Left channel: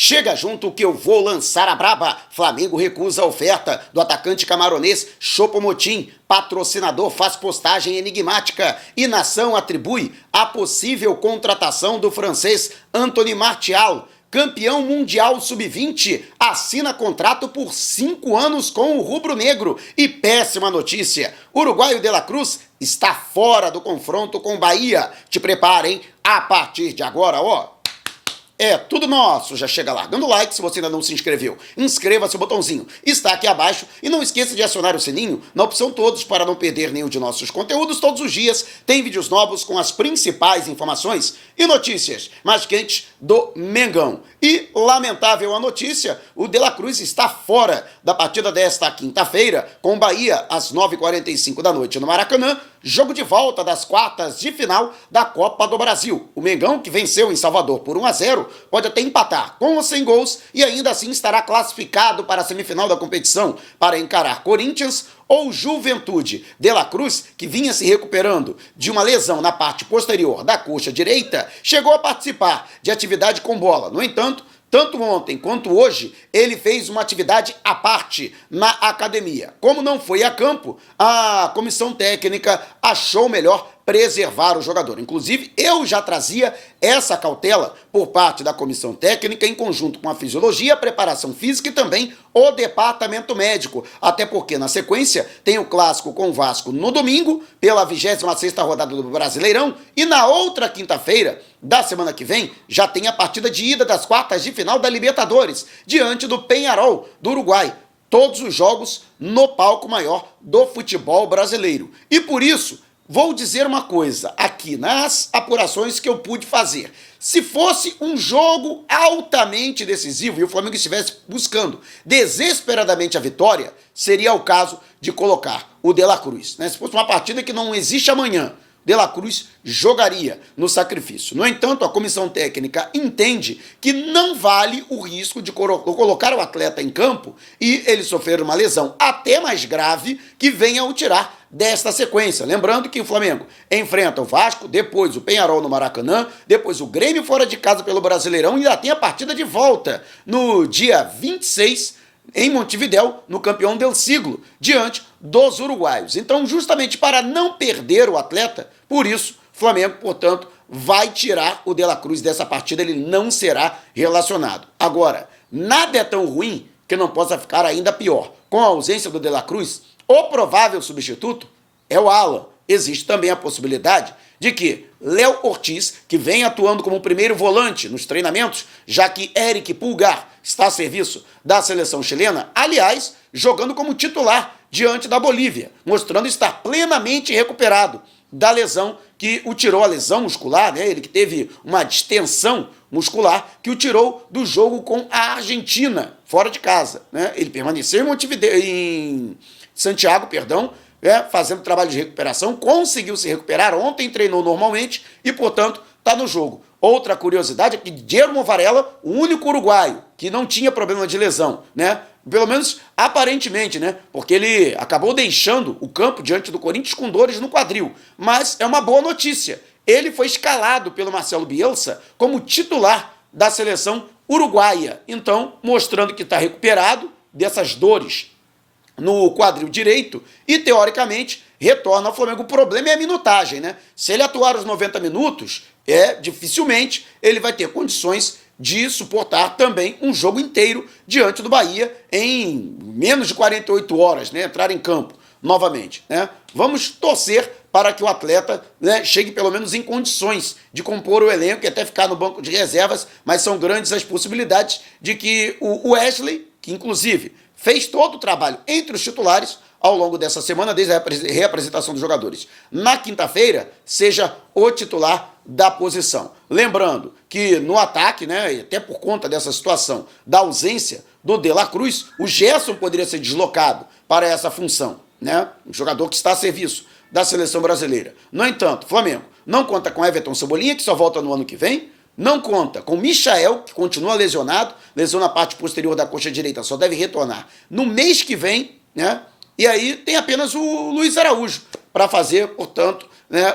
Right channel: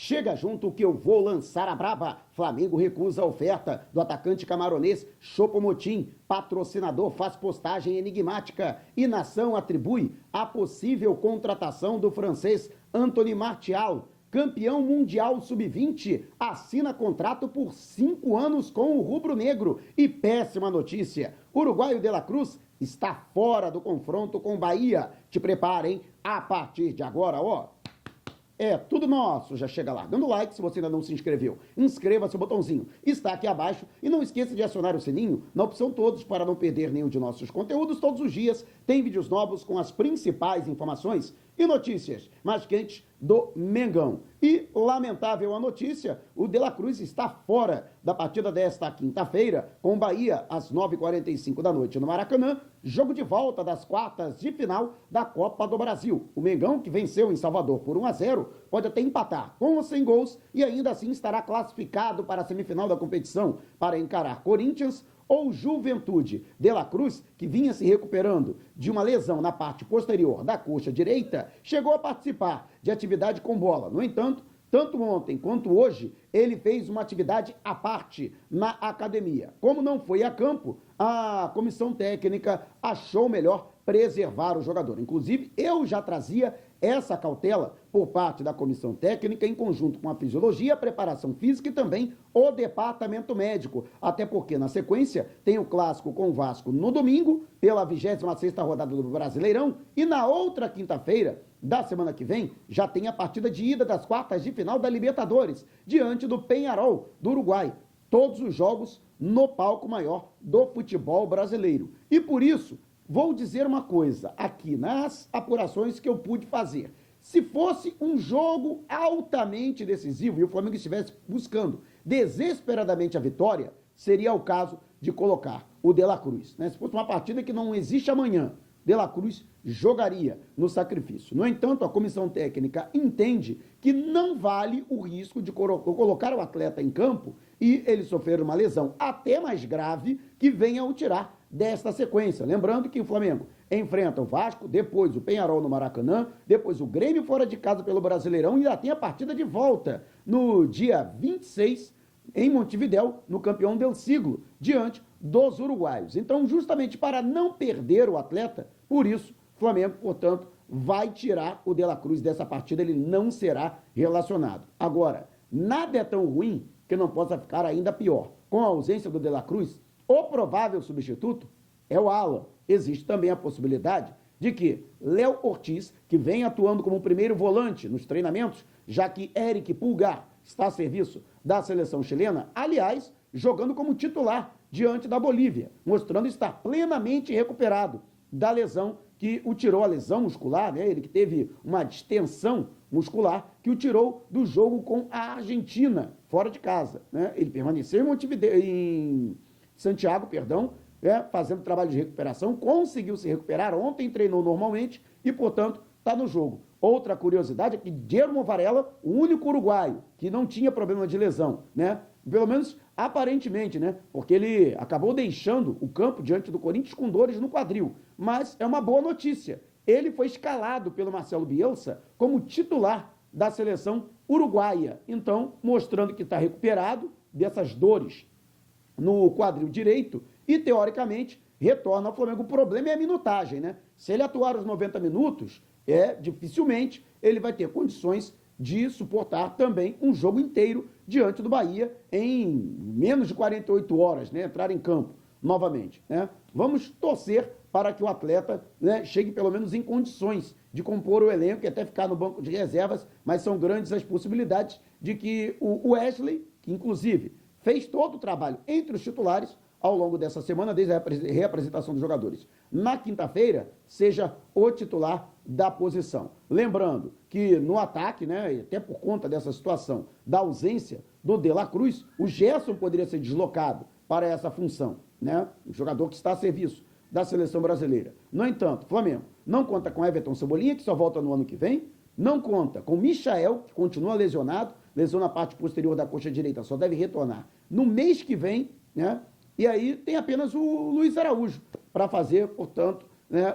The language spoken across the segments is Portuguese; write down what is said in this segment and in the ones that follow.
Chega junto que eu vou lançar a braba. Flamengo recusa a oferta do atacante camaronês Choupo-Moting. Patrocinador faz postagem enigmática. E Nação atribui a possível contratação do francês Anthony Martial. Campeão mundial sub-20 assina contrato por 5 anos com o rubro-negro. E péssima notícia, uruguaio De La Cruz está fora do confronto com o Bahia. Te preparem, a partir de agora, ó. É tudo nosso, já chega largando o like se você ainda não se inscreveu. Inscreva-se o botãozinho, está aqui abaixo e não esqueça de acionar o sininho na opção todos para não perder nenhum de nossos conteúdos. Todos os dias tem vídeos novos com as principais informações e notícias mais quentes do Mengão. E, lamentável a notícia, o De La Cruz está fora da partida desta quinta-feira com o Bahia às 9h45 da noite no Maracanã, jogo de volta das quartas de final da Copa do Brasil. O Mengão, que venceu em Salvador por 1-0, pode até empatar com ou sem gols e ainda assim estará classificado para a semifinal da competição para encarar Corinthians ou Juventude. De La Cruz, que vinha se recuperando de uma lesão na parte posterior da coxa direita, chegou a participar de atividade com bola. No entanto, tanto ontem quanto hoje, ele fez uma atividade à parte na academia. Como não foi a campo, a comissão técnica achou melhor preservar o jogador. Inclusive, eu já trazia essa cautela por parte da comissão técnica em conjunto com a fisiologia, a preparação física e também o departamento médico. Até porque, na sequência, tem o clássico com o Vasco no domingo, pela 26ª rodada do Brasileirão, e na outra quinta-feira da semana que vem, já tem a partida de ida das quartas de final da Libertadores, diante do Peñarol, do Uruguai. Todos os jogos no palco maior do futebol brasileiro. E por isso, vou dizer uma coisa aqui nas apurações que eu pude fazer. Se fosse um jogo altamente decisivo e o Flamengo estivesse buscando desesperadamente a vitória, seria o caso de colocar o De La Cruz, né? Se fosse uma partida que não existe amanhã, De La Cruz jogaria no sacrifício. No entanto, a comissão técnica entende que não vale o risco de colocar o atleta em campo e ele sofrer uma lesão até mais grave que venha o tirar desta sequência. Lembrando que o Flamengo enfrenta o Vasco, depois o Peñarol no Maracanã, depois o Grêmio fora de casa pelo Brasileirão e ainda tem a partida de volta no dia 26 em Montevidéu, no campeão del siglo, diante dos uruguaios. Então, justamente para não perder o atleta, por isso, o Flamengo, portanto, vai tirar o De La Cruz dessa partida, ele não será relacionado. Agora, nada é tão ruim que não possa ficar ainda pior. Com a ausência do De La Cruz, o provável substituto é o Alan. Existe também a possibilidade de que Léo Ortiz, que vem atuando como primeiro volante nos treinamentos, já que Eric Pulgar está a serviço da seleção chilena, aliás, jogando como titular diante da Bolívia, mostrando estar plenamente recuperado da lesão que o tirou, a lesão muscular, né? Ele que teve uma distensão muscular que o tirou do jogo com a Argentina, fora de casa, né? Ele permaneceu em Santiago, fazendo trabalho de recuperação, conseguiu se recuperar, ontem treinou normalmente e, portanto, está no jogo. Outra curiosidade é que Guillermo Varela, o único uruguaio que não tinha problema de lesão, né? Pelo menos aparentemente, né? Porque ele acabou deixando o campo diante do Corinthians com dores no quadril. Mas é uma boa notícia. Ele foi escalado pelo Marcelo Bielsa como titular da seleção uruguaia. Então, mostrando que está recuperado dessas dores no quadril direito e, teoricamente, retorna ao Flamengo. O problema é a minutagem, né? Se ele atuar os 90 minutos, dificilmente ele vai ter condições de suportar também um jogo inteiro diante do Bahia em menos de 48 horas, né? Entrar em campo novamente, né? Vamos torcer para que o atleta, né, chegue pelo menos em condições de compor o elenco e até ficar no banco de reservas, mas são grandes as possibilidades de que o Wesley, que inclusive fez todo o trabalho entre os titulares ao longo dessa semana, desde a reapresentação dos jogadores, na quinta-feira, seja o titular da posição. Lembrando que no ataque, né, e até por conta dessa situação da ausência do De La Cruz, o Gerson poderia ser deslocado para essa função, né, um jogador que está a serviço da seleção brasileira. No entanto, o Flamengo não conta com Everton Cebolinha, que só volta no ano que vem, não conta com Michael, que continua lesionado, lesão na parte posterior da coxa direita, só deve retornar no mês que vem, né? E aí tem apenas o Luiz Araújo para fazer, portanto, né,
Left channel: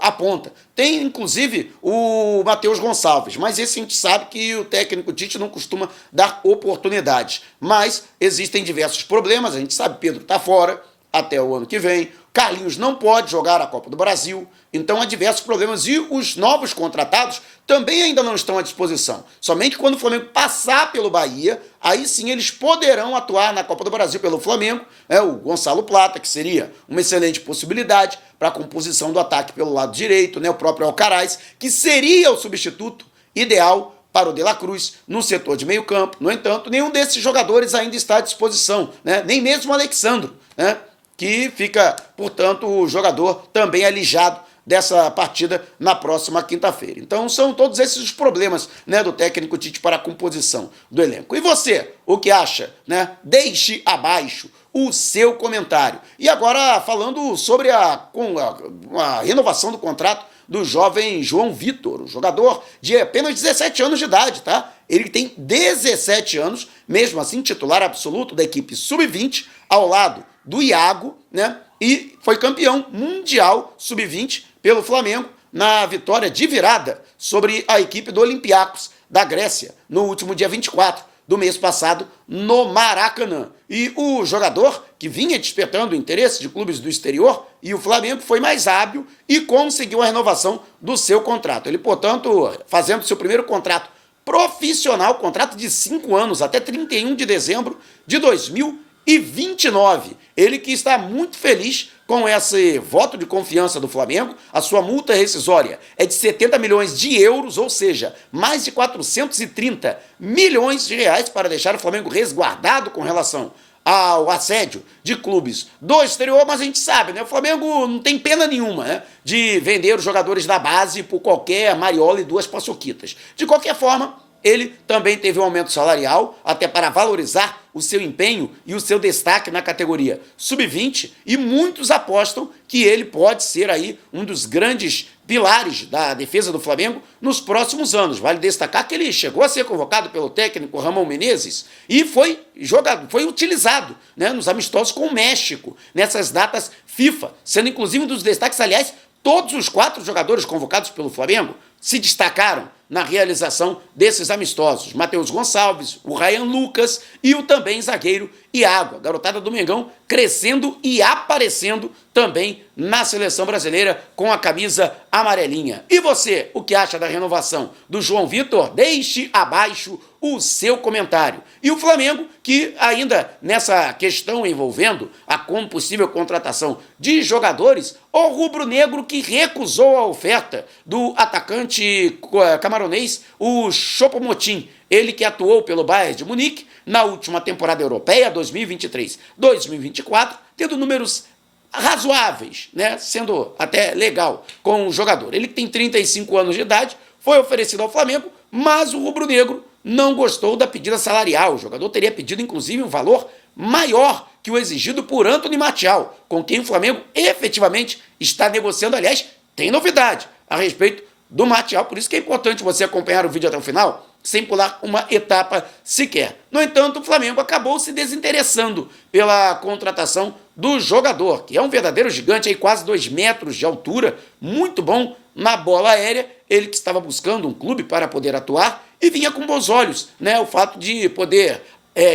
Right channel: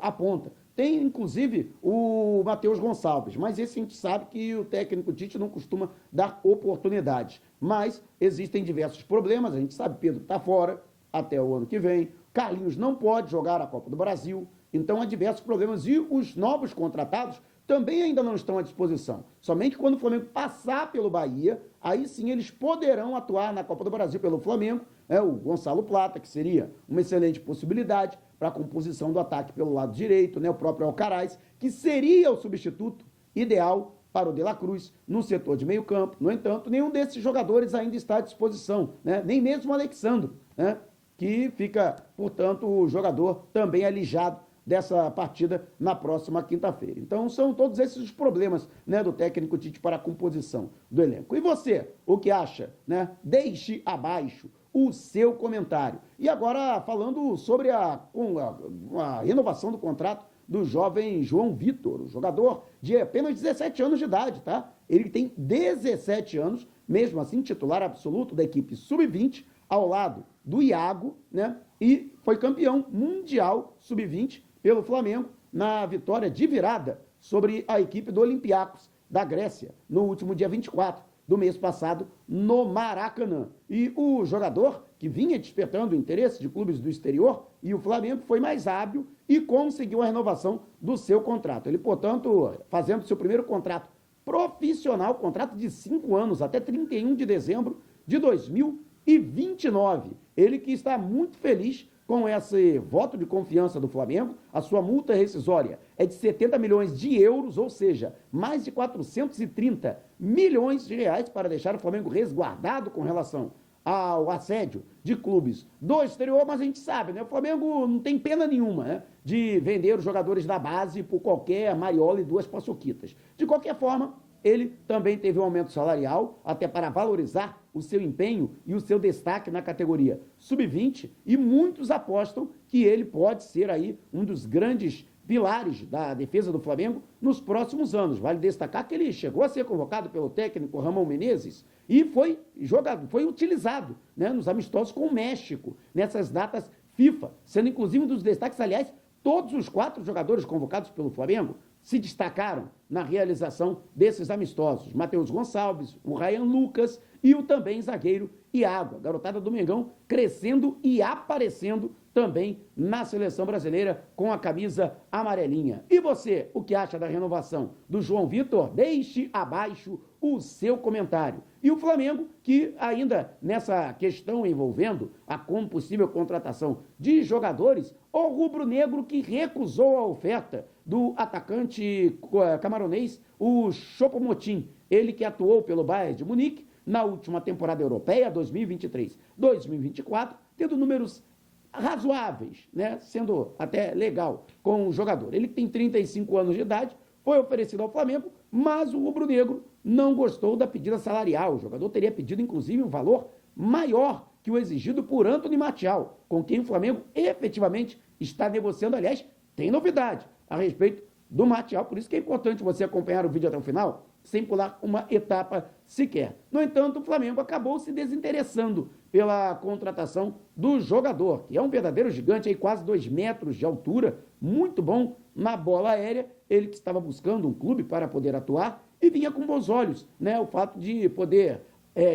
a ponta. Tem, inclusive, o Matheus Gonçalves, mas esse a gente sabe que o técnico Tite não costuma dar oportunidades. Mas existem diversos problemas, a gente sabe, Pedro está fora até o ano que vem, Carlinhos não pode jogar a Copa do Brasil, então há diversos problemas e os novos contratados também ainda não estão à disposição. Somente quando o Flamengo passar pelo Bahia, aí sim eles poderão atuar na Copa do Brasil pelo Flamengo, o Gonçalo Plata, que seria uma excelente possibilidade para a composição do ataque pelo lado direito, o próprio Alcaraz, que seria o substituto ideal para o De La Cruz no setor de meio campo. No entanto, nenhum desses jogadores ainda está à disposição, nem mesmo o Alexandro, que fica, portanto, o jogador também alijado dessa partida na próxima quinta-feira. Então são todos esses os problemas do técnico Tite para a composição do elenco. E você, o que acha? Deixe abaixo o seu comentário. E agora falando sobre a renovação do contrato do jovem João Vitor, um jogador de apenas 17 anos de idade, tá? Ele tem 17 anos, mesmo assim titular absoluto da equipe sub-20, ao lado do Iago, e foi campeão mundial sub-20 pelo Flamengo na vitória de virada sobre a equipe do Olympiacos da Grécia no último dia 24 do mês passado no Maracanã. E o jogador, que vinha despertando o interesse de clubes do exterior, e o Flamengo foi mais hábil e conseguiu a renovação do seu contrato. Ele, portanto, fazendo seu primeiro contrato profissional, contrato de 5 anos, até 31 de dezembro de 2029. Ele que está muito feliz com esse voto de confiança do Flamengo. A sua multa rescisória é de 70 milhões de euros, ou seja, mais de 430 milhões de reais para deixar o Flamengo resguardado com relação ao assédio de clubes do exterior, mas a gente sabe, o Flamengo não tem pena nenhuma de vender os jogadores da base por qualquer mariola e duas paçoquitas. De qualquer forma, ele também teve um aumento salarial, até para valorizar o seu empenho e o seu destaque na categoria sub-20, e muitos apostam que ele pode ser aí um dos grandes pilares da defesa do Flamengo nos próximos anos. Vale destacar que ele chegou a ser convocado pelo técnico Ramon Menezes e foi utilizado nos amistosos com o México, nessas datas FIFA, sendo inclusive um dos destaques. Aliás, todos os 4 jogadores convocados pelo Flamengo se destacaram na realização desses amistosos. Matheus Gonçalves, o Ryan Lucas e o também zagueiro Iago. A garotada do Mengão crescendo e aparecendo também na seleção brasileira com a camisa amarelinha. E você, o que acha da renovação do João Vitor? Deixe abaixo o seu comentário. E o Flamengo, que ainda nessa questão envolvendo a possível contratação de jogadores, o rubro-negro que recusou a oferta do atacante camaronês, o Choupo-Moting, ele que atuou pelo Bayern de Munique na última temporada europeia, 2023-2024, tendo números razoáveis, sendo até legal com o jogador. Ele que tem 35 anos de idade, foi oferecido ao Flamengo, mas o rubro-negro não gostou da pedida salarial. O jogador teria pedido, inclusive, um valor maior que o exigido por Anthony Martial, com quem o Flamengo efetivamente está negociando. Aliás, tem novidade a respeito do Martial, por isso que é importante você acompanhar o vídeo até o final, sem pular uma etapa sequer. No entanto, o Flamengo acabou se desinteressando pela contratação do jogador, que é um verdadeiro gigante, aí quase 2 metros de altura, muito bom na bola aérea. Ele que estava buscando um clube para poder atuar e vinha com bons olhos, o fato de poder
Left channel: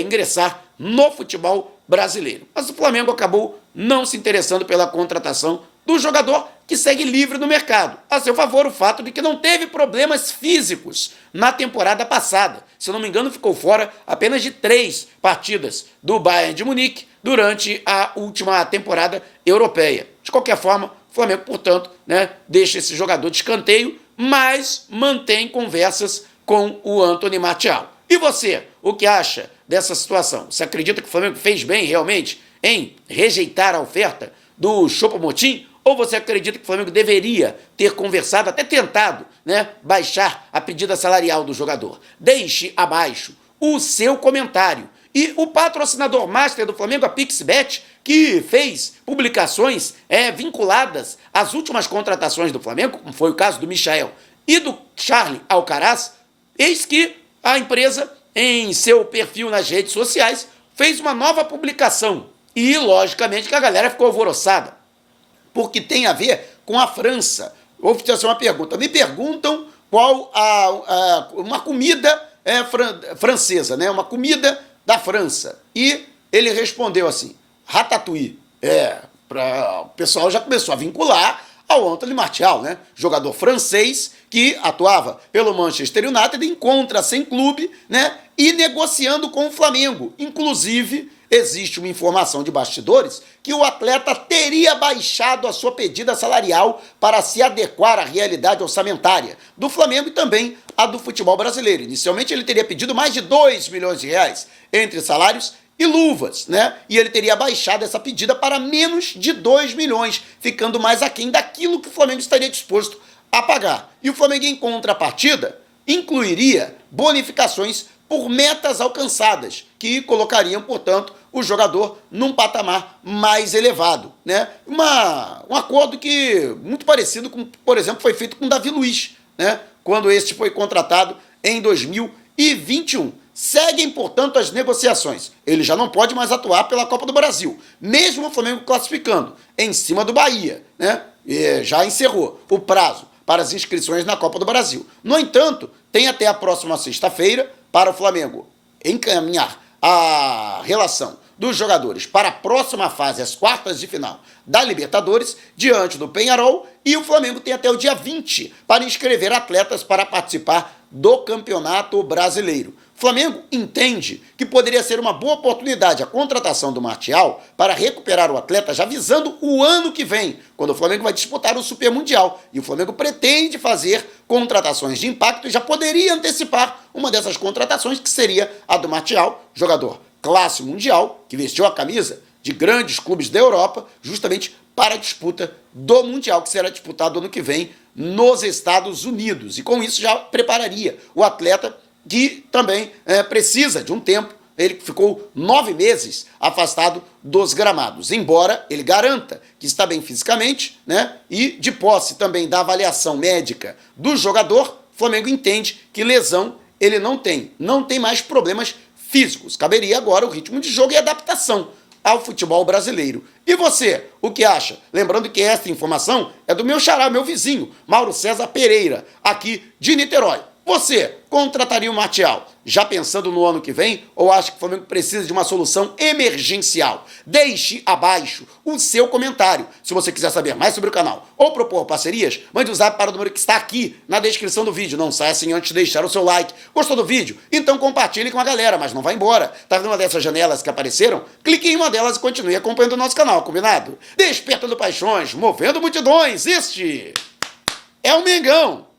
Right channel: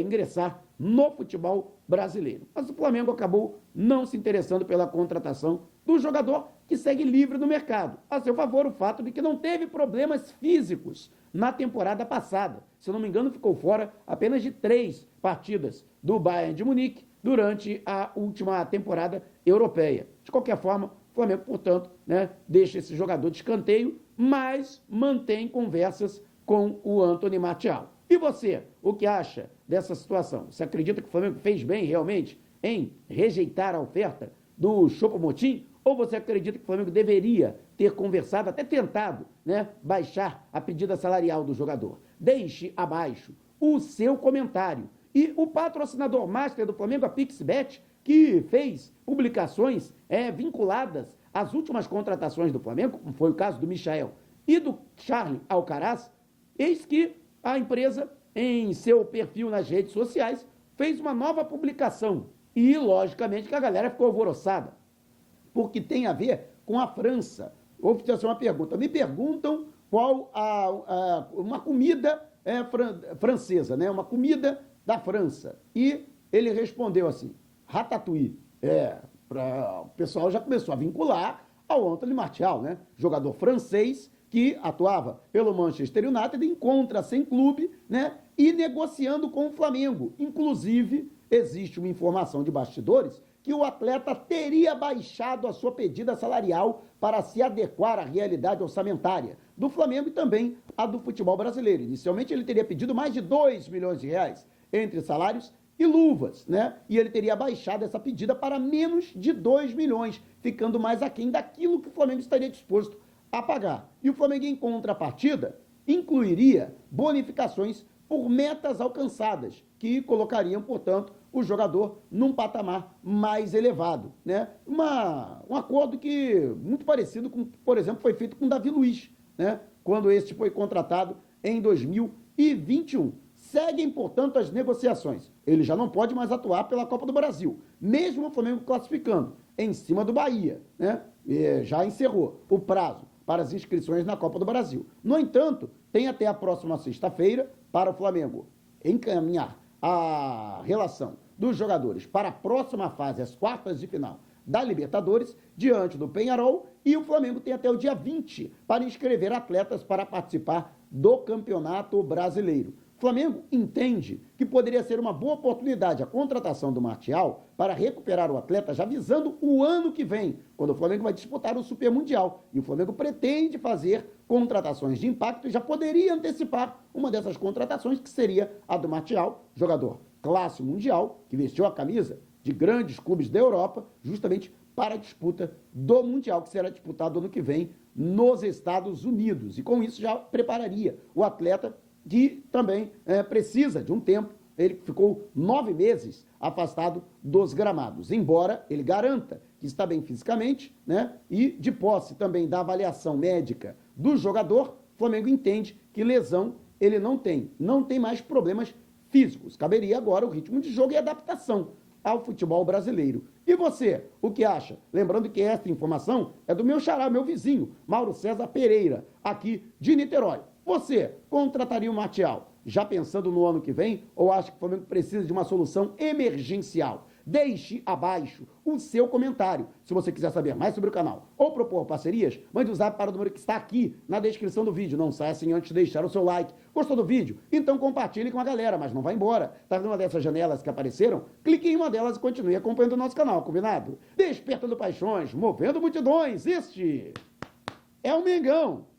ingressar no futebol brasileiro. Mas o Flamengo acabou não se interessando pela contratação do jogador, que segue livre no mercado. A seu favor, o fato de que não teve problemas físicos na temporada passada. Se eu não me engano, ficou fora apenas de 3 partidas do Bayern de Munique durante a última temporada europeia. De qualquer forma, o Flamengo, portanto, deixa esse jogador de escanteio, mas mantém conversas com o Anthony Martial. E você, o que acha dessa situação? Você acredita que o Flamengo fez bem realmente em rejeitar a oferta do Choupo-Moting? Ou você acredita que o Flamengo deveria ter conversado, até tentado, baixar a pedida salarial do jogador? Deixe abaixo o seu comentário. E o patrocinador master do Flamengo, a PixBet, que fez publicações vinculadas às últimas contratações do Flamengo, como foi o caso do Michael e do Charlie Alcaraz, eis que a empresa, em seu perfil nas redes sociais, fez uma nova publicação. E, logicamente, que a galera ficou alvoroçada. porque tem a ver com a França. Vou fazer uma pergunta. Me perguntam qual uma comida francesa, né? Uma comida da França. E ele respondeu assim, ratatouille. O pessoal já começou a vincular ao Anthony Martial, né? Jogador francês que atuava pelo Manchester United, encontra sem clube, né? E negociando com o Flamengo. Inclusive, existe uma informação de bastidores que o atleta teria baixado a sua pedida salarial para se adequar à realidade orçamentária do Flamengo e também a do futebol brasileiro. Inicialmente, ele teria pedido mais de 2 milhões de reais entre salários e luvas, né? E ele teria baixado essa pedida para menos de 2 milhões, ficando mais aquém daquilo que o Flamengo estaria disposto a pagar. E o Flamengo, em contrapartida, incluiria bonificações por metas alcançadas, que colocariam, portanto, o jogador num patamar mais elevado, né? Um acordo que muito parecido com, por exemplo, foi feito com o Davi Luiz, né? Quando este foi contratado em 2021. Seguem, portanto, as negociações. Ele já não pode mais atuar pela Copa do Brasil, mesmo o Flamengo classificando em cima do Bahia, né? E já encerrou o prazo para as inscrições na Copa do Brasil. No entanto, tem até a próxima sexta-feira para o Flamengo encaminhar a relação dos jogadores para a próxima fase, as quartas de final da Libertadores, diante do Peñarol, e o Flamengo tem até o dia 20 para inscrever atletas para participar do Campeonato Brasileiro. O Flamengo entende que poderia ser uma boa oportunidade a contratação do Martial para recuperar o atleta já visando o ano que vem, quando o Flamengo vai disputar o Super Mundial. E o Flamengo pretende fazer contratações de impacto e já poderia antecipar uma dessas contratações, que seria a do Martial, jogador classe mundial, que vestiu a camisa de grandes clubes da Europa, justamente para a disputa do Mundial, que será disputado ano que vem nos Estados Unidos. E com isso já prepararia o atleta, que também precisa de um tempo. Ele ficou 9 meses afastado dos gramados, embora ele garanta que está bem fisicamente, né? E de posse também da avaliação médica do jogador, o Flamengo entende que lesão ele não tem mais problemas físicos. Caberia agora o ritmo de jogo e adaptação ao futebol brasileiro. E você, o que acha? Lembrando que esta informação é do meu xará, meu vizinho, Mauro César Pereira, aqui de Niterói. Você contrataria o Martial já pensando no ano que vem, ou acha que o Flamengo precisa de uma solução emergencial? Deixe abaixo o seu comentário. Se você quiser saber mais sobre o canal ou propor parcerias, mande o zap para o número que está aqui na descrição do vídeo. Não saia sem antes de deixar o seu like. Gostou do vídeo? Então compartilhe com a galera, mas não vá embora. Tá vendo uma dessas janelas que apareceram? Clique em uma delas e continue acompanhando o nosso canal, combinado? Despertando paixões, movendo multidões. Este é o Mengão.